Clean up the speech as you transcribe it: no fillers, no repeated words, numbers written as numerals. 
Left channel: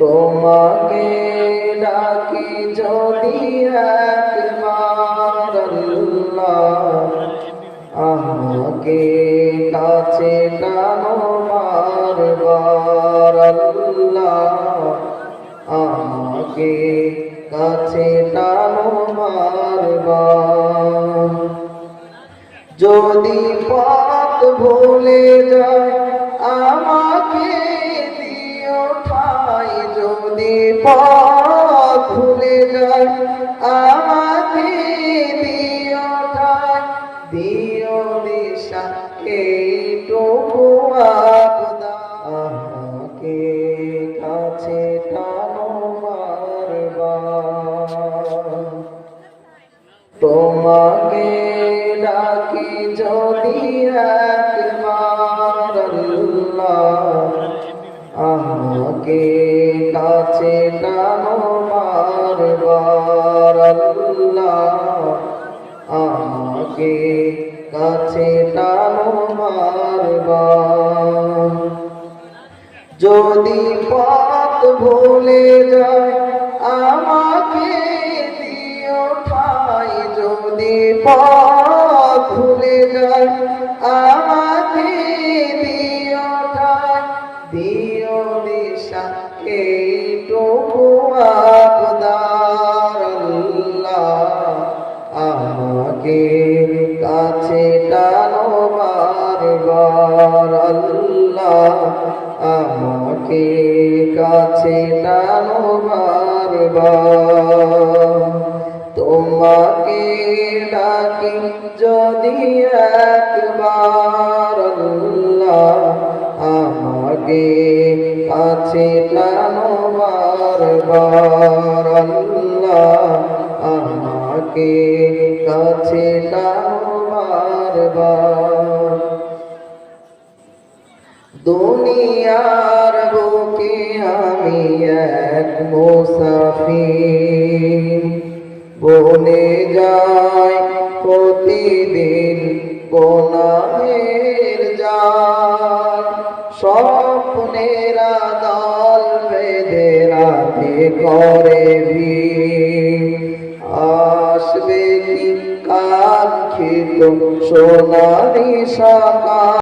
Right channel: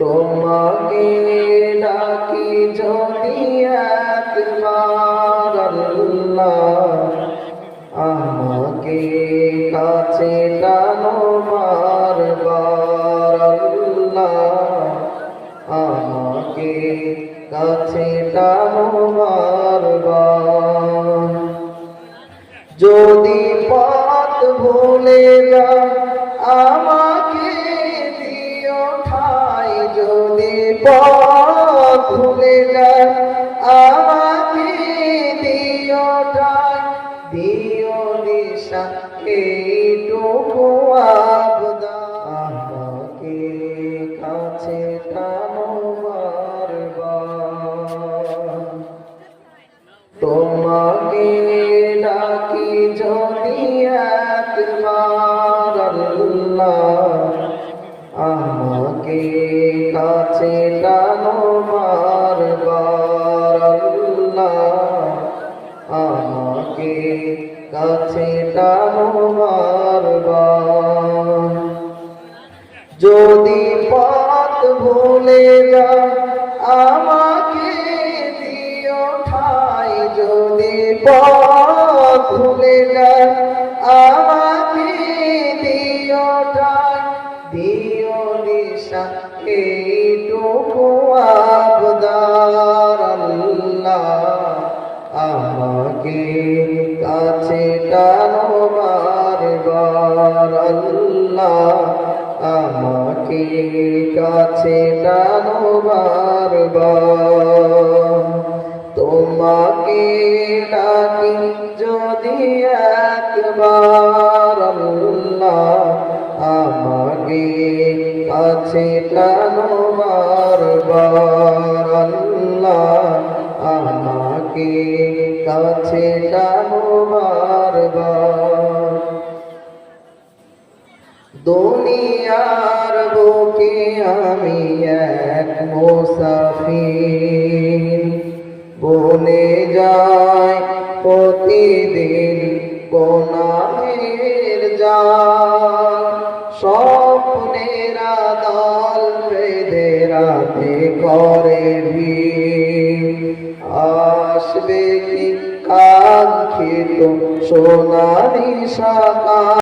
তোমাকে ডাকি যদি একবার আল্লাহ, আমাকে কাছে টানো বারবার আল্লাহ, আমাকে কাছে টানো বারবার। যদি পথ ভুলে যায় আমাকে দিও ঠাই, যদি পথ ভুলে যায় আমাকে দিও ঠাই, দিও দিশা এইটুকু আবদার, আমাকে কাছে টানো বারবার। তোমাকে ডাকি যদি একবার আল্লাহ, আমাকে কাছে টানো বারবার আল্লাহ, আমাকে কাছে টানো বারবার। যদি পথ ভুলে যায় আমাকে দিও ঠাই, যদি পথ ভুলে যায় আমাকে দিও ঠাই, দিও দিশা এইটুকু আবদার আল্লাহ, আমাকে কাছে টানো বারবার আল্লাহ, আমাকে কাছে টানো বারবার। তোমাকে ডাকি যদি একবার আল্লাহ, আমাকে কাছে টানো বারবার আল্লাহ, আমাকে কাছে টানো বারবার। দুনিয়ার বুকে আমি এক মুসাফির, বনে যায় প্রতিদিন গোনাহের জাল, স্বপ্নেরা দল বেঁধে রাতে করে ভিড়, আসবে কি কাঙ্ক্ষিত সোনালি সকাল।